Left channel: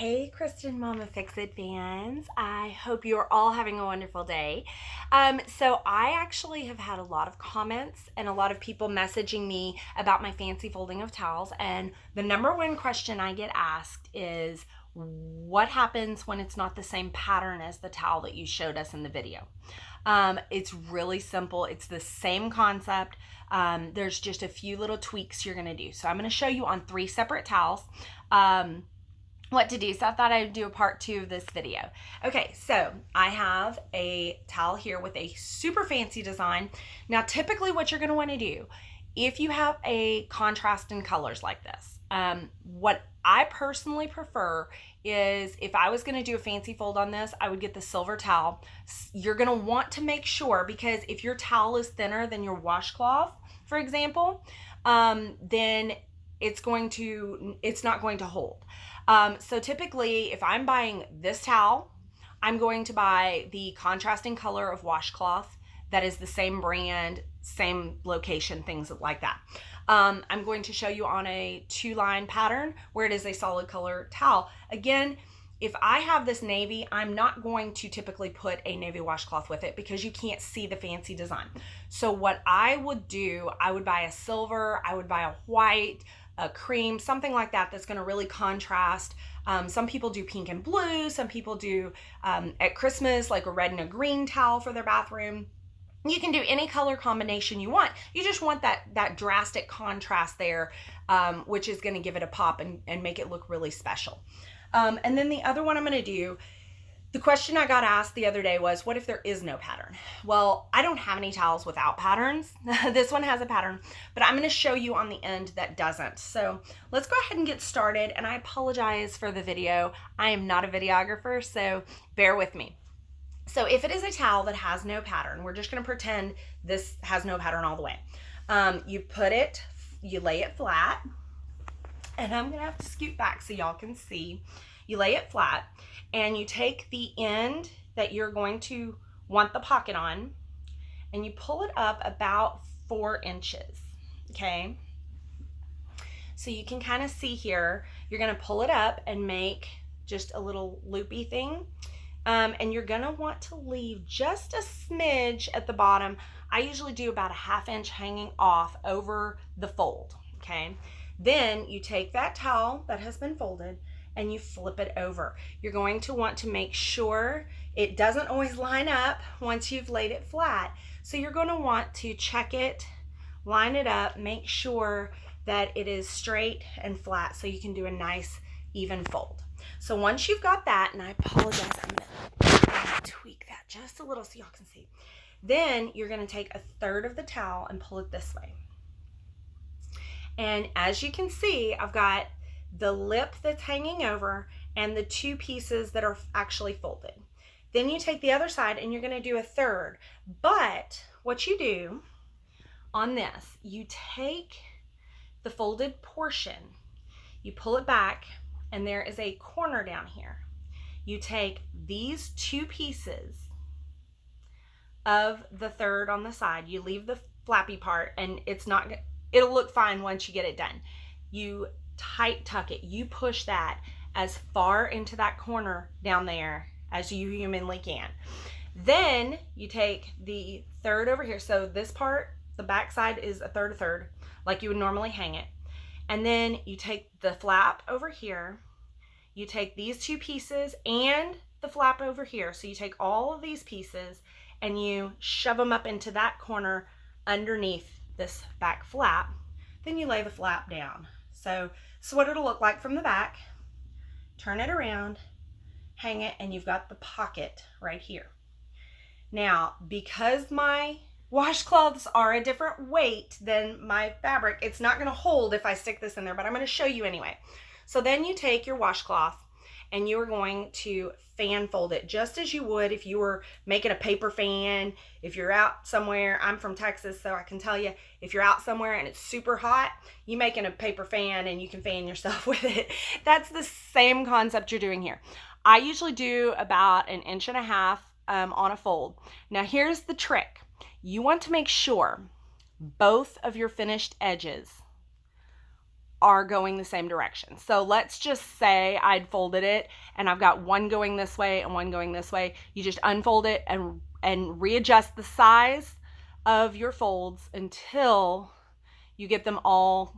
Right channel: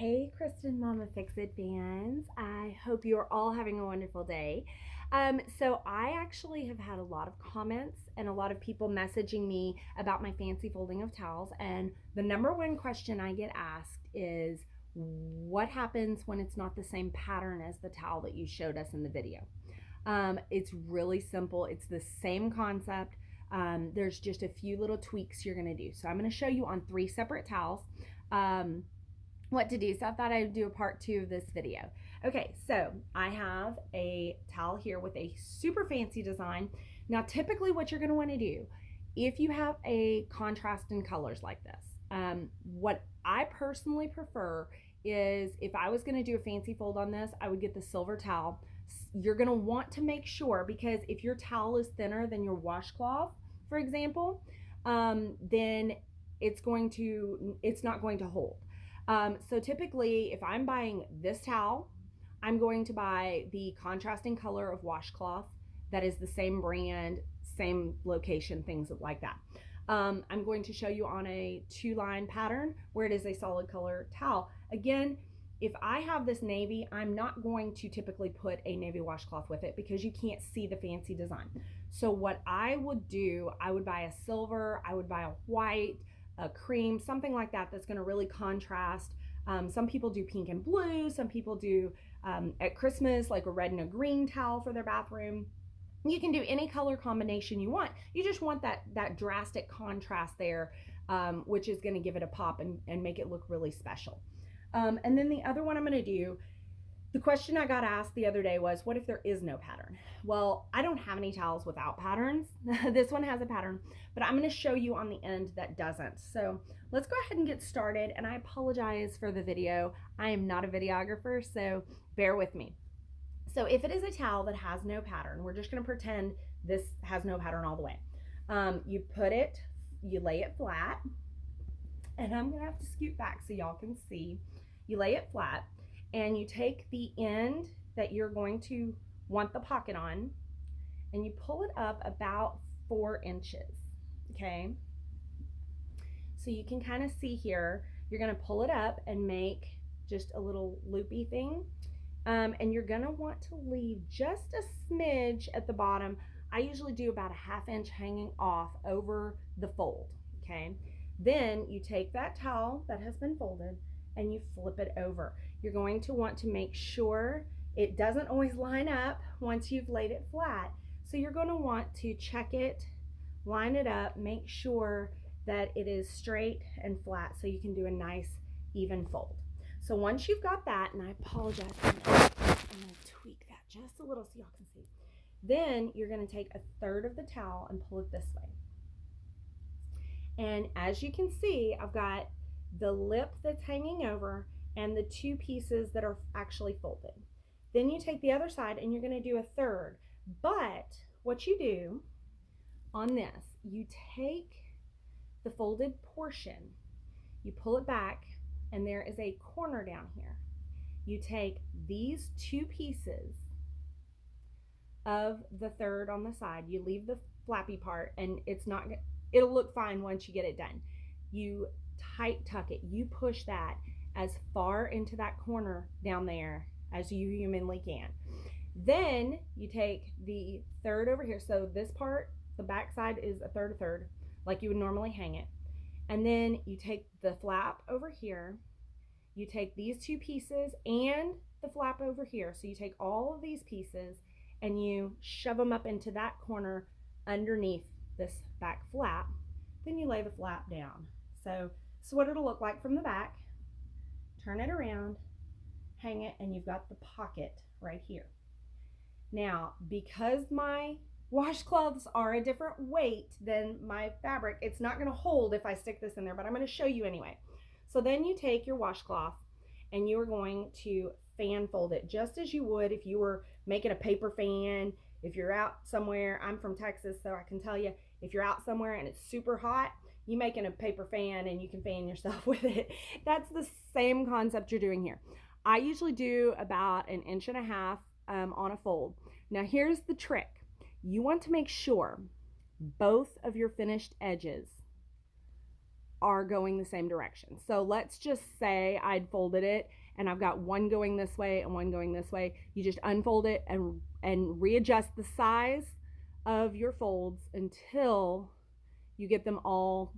Hey, Kristen Mama Fix It fans. I hope you are all having a wonderful day. So I actually have had a lot of comments and a lot of people messaging me about my fancy folding of towels. And the number one question I get asked is, what happens when it's not the same pattern as the towel that you showed us in the video? It's really simple. It's the same concept. There's just a few little tweaks you're going to do. So I'm going to show you on 3 separate towels. What to do. So I thought I'd do a part 2 of this video. Okay, so I have a towel here with a super fancy design. Now, typically what you're going to want to do, if you have a contrast in colors like this, what I personally prefer is if I was going to do a fancy fold on this, I would get the silver towel. You're going to want to make sure, because if your towel is thinner than your washcloth, for example, then it's not going to hold. So typically, if I'm buying this towel, I'm going to buy the contrasting color of washcloth that is the same brand, same location, things like that. I'm going to show you on a 2-line pattern where it is a solid color towel. Again, if I have this navy, I'm not going to typically put a navy washcloth with it because you can't see the fancy design. So what I would do, I would buy a silver, I would buy a white, a cream, something like that that's going to really contrast. Some people do pink and blue. Some people do at Christmas like a red and a green towel for their bathroom. You can do any color combination you want. You just want that drastic contrast there, which is going to give it a pop and make it look really special. And then the other one I'm going to do, the question I got asked the other day was, what if there is no pattern? Well, I don't have any towels without patterns. This one has a pattern, but I'm going to show you on the end that doesn't. So let's go ahead and get started. And I apologize for the video. I am not a videographer, so bear with me. So if it is a towel that has no pattern, we're just going to pretend this has no pattern all the way. You lay it flat, and I'm going to have to scoot back so y'all can see. You lay it flat, and you take the end that you're going to want the pocket on, and you pull it up about 4 inches, okay? So you can kind of see here, you're gonna pull it up and make just a little loopy thing, and you're gonna want to leave just a smidge at the bottom. I usually do about a 1/2 inch hanging off over the fold, okay? Then you take that towel that has been folded and you flip it over. You're going to want to make sure it doesn't always line up once you've laid it flat. So you're going to want to check it, line it up, make sure that it is straight and flat so you can do a nice even fold. So once you've got that, and I apologize, I'm going to tweak that just a little so y'all can see. Then you're going to take 1/3 of the towel and pull it this way. And as you can see, I've got the lip that's hanging over and the 2 pieces that are actually folded. Then you take the other side and you're going to do 1/3. But what you do on this, you take the folded portion, you pull it back, and there is a corner down here. You take these 2 pieces of the 1/3 on the side, you leave the flappy part, and it'll look fine once you get it done. You tight tuck it. You push that as far into that corner down there as you humanly can. Then you take the 1/3 over here. So this part, the back side is 1/3, like you would normally hang it. And then you take the flap over here. You take these 2 pieces and the flap over here. So you take all of these pieces and you shove them up into that corner underneath this back flap. Then you lay the flap down. So what it'll look like from the back. Turn it around, hang it, and you've got the pocket right here. Now, because my washcloths are a different weight than my fabric, it's not going to hold if I stick this in there, but I'm going to show you anyway. So then you take your washcloth and you're going to fan fold it just as you would if you were making a paper fan. If you're out somewhere, I'm from Texas, so I can tell you, if you're out somewhere and it's super hot, you making a paper fan and you can fan yourself with it. That's the same concept you're doing here. I usually do about 1.5 inches on a fold. Now here's the trick. You want to make sure both of your finished edges are going the same direction. So let's just say I'd folded it and I've got one going this way and one going this way. You just unfold it and readjust the size of your folds until you get them all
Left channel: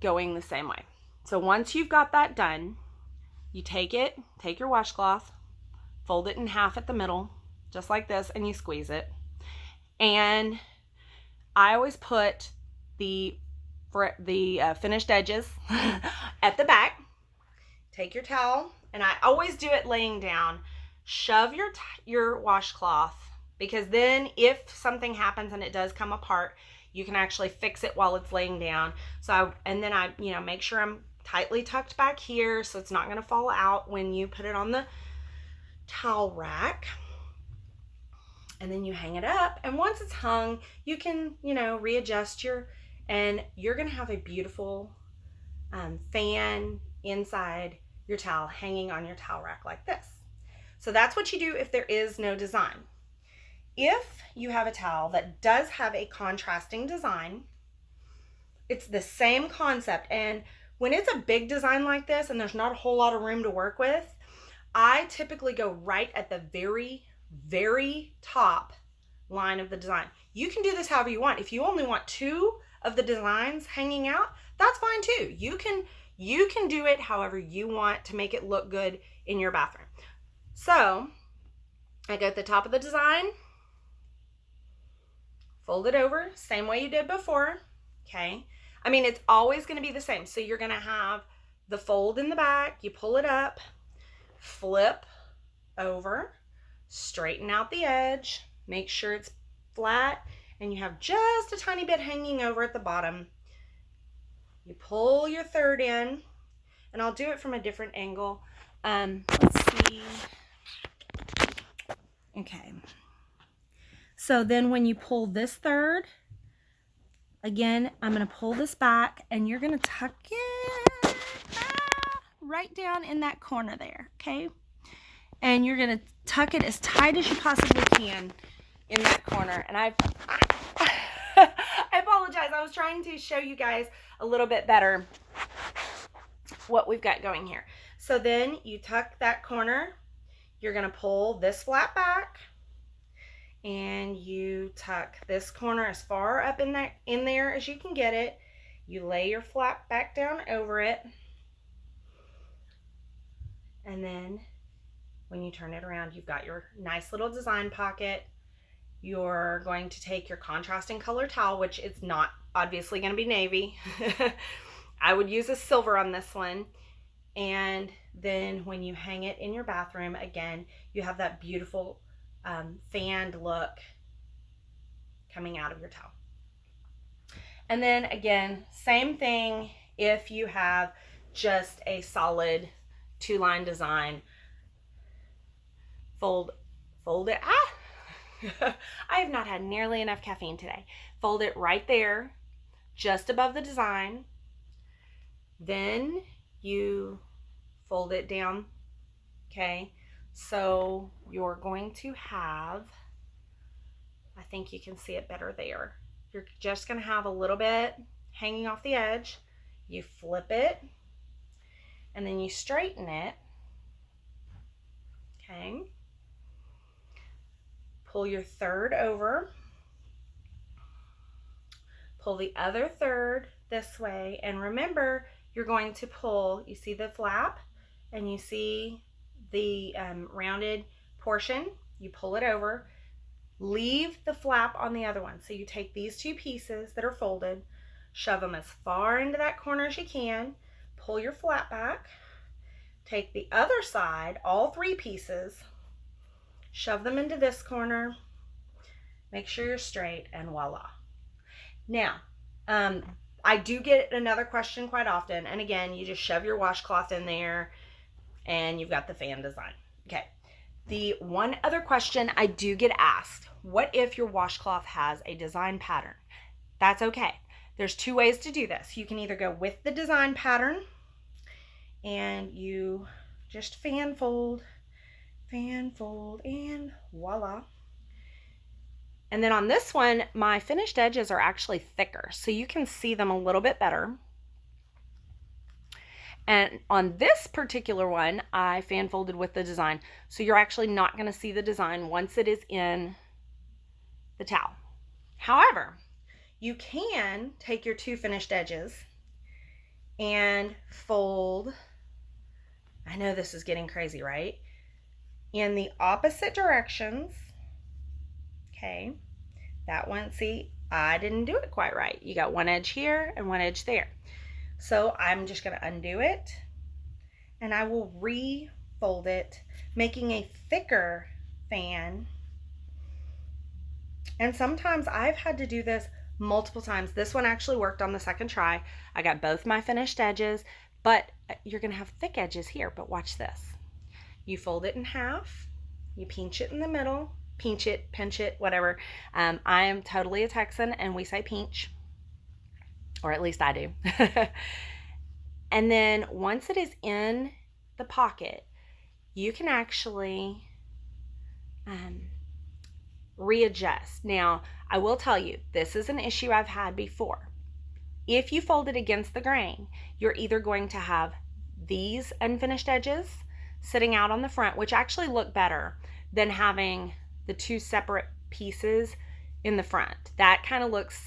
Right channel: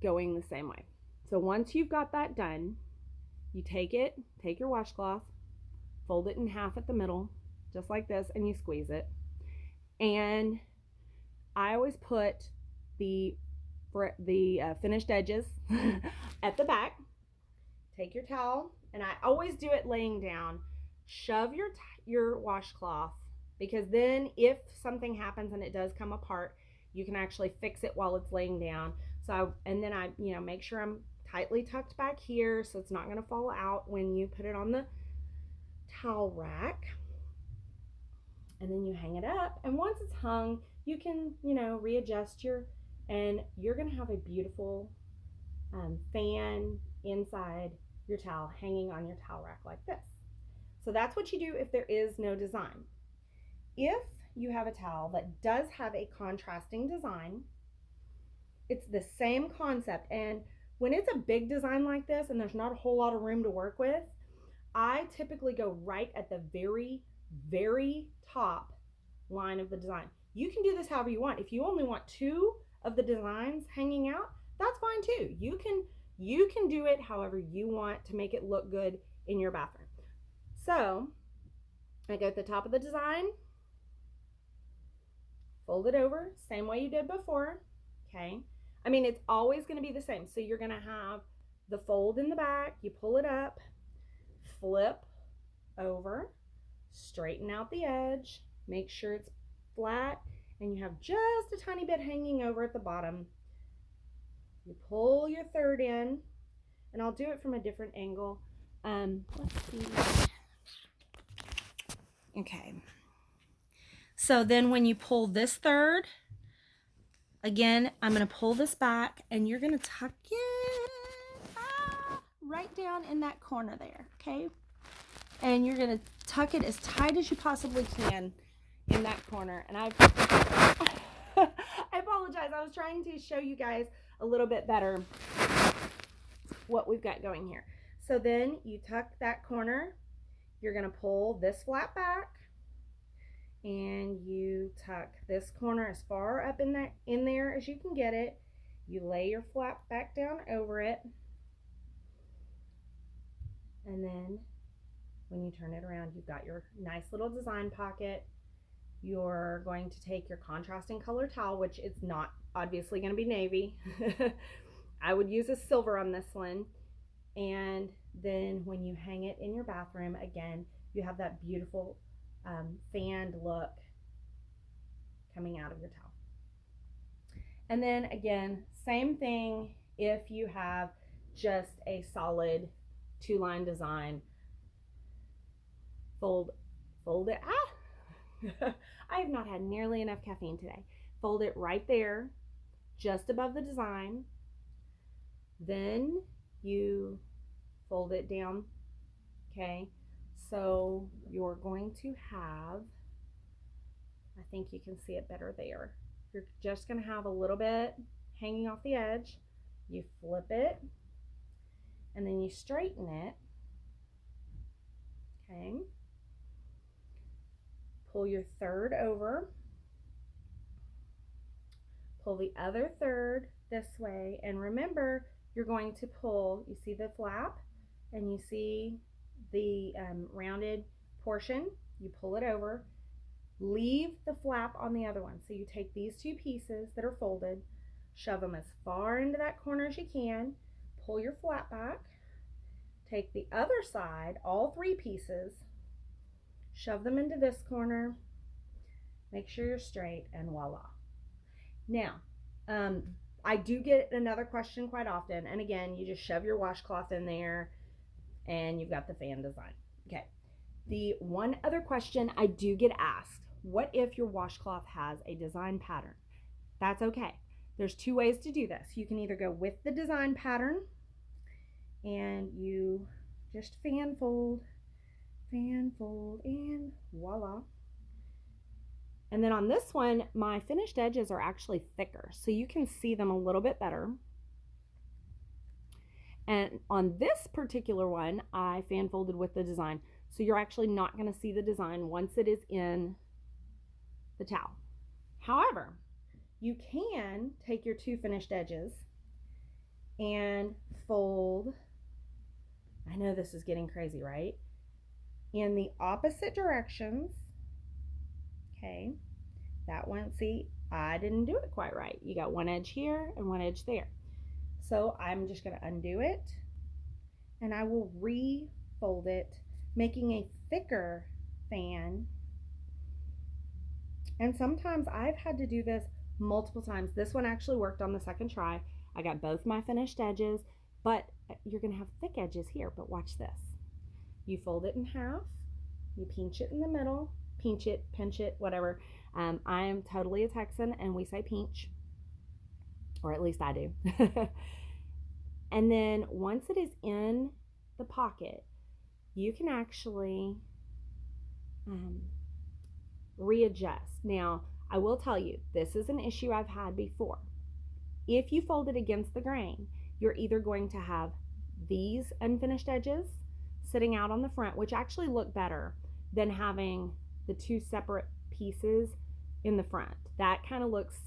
going the same way. So once you've got that done, you take your washcloth, fold it in half at the middle, just like this, and you squeeze it. And I always put the finished edges at the back. Take your towel, and I always do it laying down. Shove your washcloth, because then if something happens and it does come apart, you can actually fix it while it's laying down. And then I make sure I'm tightly tucked back here so it's not going to fall out when you put it on the towel rack. And then you hang it up, and once it's hung, you can readjust and you're going to have a beautiful fan inside your towel hanging on your towel rack like this. So that's what you do if there is no design. If you have a towel that does have a contrasting design, it's the same concept. And when it's a big design like this and there's not a whole lot of room to work with, I typically go right at the very, very top line of the design. You can do this however you want. If you only want 2 of the designs hanging out, that's fine too. You can do it however you want to make it look good in your bathroom. So I go at the top of the design, fold it over, same way you did before, okay? I mean, it's always going to be the same. So you're going to have the fold in the back, you pull it up, flip over, straighten out the edge, make sure it's flat, and you have just a tiny bit hanging over at the bottom. You pull your third in, and I'll do it from a different angle. Let's see. Okay. So then when you pull this third, again, I'm going to pull this back, and you're going to tuck it right down in that corner there, okay? And you're going to tuck it as tight as you possibly can in that corner. And I apologize. I was trying to show you guys a little bit better what we've got going here. So then you tuck that corner. You're going to pull this flap back, and you tuck this corner as far up in there as you can get it. You lay your flap back down over it, and then when you turn it around, you've got your nice little design pocket. You're going to take your contrasting color towel, which is not obviously going to be navy. I would use a silver on this one. And then when you hang it in your bathroom, again, you have that beautiful fanned look coming out of your towel. And then again, same thing if you have just a solid 2-line design. Fold it. I have not had nearly enough caffeine today. Fold it right there, just above the design. Then you fold it down, okay? So you're going to have, I think you can see it better there. You're just going to have a little bit hanging off the edge. You flip it, and then you straighten it, okay? Pull your third over. Pull the other third this way, and remember, you're going to pull, you see the flap and you see the rounded portion, you pull it over, leave the flap on the other one. So you take these 2 pieces that are folded, shove them as far into that corner as you can, pull your flap back, take the other side, all 3 pieces, shove them into this corner, make sure you're straight, and voila. Now, I do get another question quite often, and again, you just shove your washcloth in there and you've got the fan design. Okay, the one other question I do get asked, what if your washcloth has a design pattern? That's okay. There's 2 ways to do this. You can either go with the design pattern and you just fan fold, and voila. And then on this one, my finished edges are actually thicker, so you can see them a little bit better. And on this particular one, I fan folded with the design. So you're actually not going to see the design once it is in the towel. However, you can take your 2 finished edges and fold. I know this is getting crazy, right? In the opposite directions. Okay, that one, see, I didn't do it quite right. You got one edge here and one edge there. So I'm just going to undo it, and I will refold it, making a thicker fan. And sometimes I've had to do this multiple times. This one actually worked on the second try. I got both my finished edges, but you're going to have thick edges here. But watch this. You fold it in half, you pinch it in the middle, pinch it, pinch it, whatever. I am totally a Texan, and we say pinch, or at least I do. And then once it is in the pocket, you can actually readjust. Now, I will tell you, this is an issue I've had before. If you fold it against the grain, you're either going to have these unfinished edges sitting out on the front, which actually look better than having the 2 separate pieces in the front. That kind of looks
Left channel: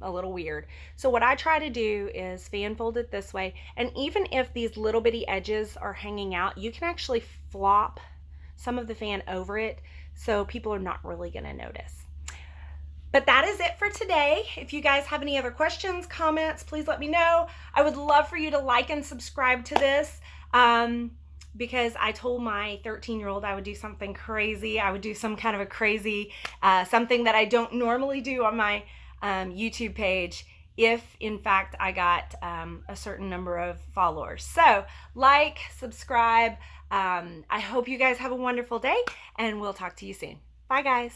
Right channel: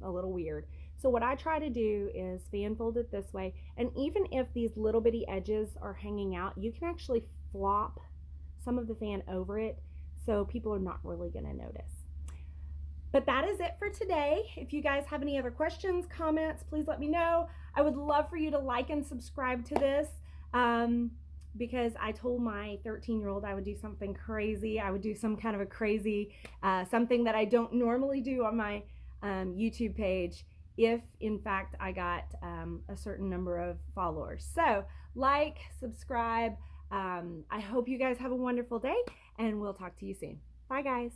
a little weird. So what I try to do is fan fold it this way, and even if these little bitty edges are hanging out, you can actually flop some of the fan over it, so people are not really going to notice. But that is it for today. If you guys have any other questions, comments, please let me know. I would love for you to like and subscribe to this, because I told my 13-year-old I would do something crazy. I would do some kind of a crazy, something that I don't normally do on my YouTube page if, in fact, I got a certain number of followers. So, like, subscribe. I hope you guys have a wonderful day, and we'll talk to you soon. Bye, guys.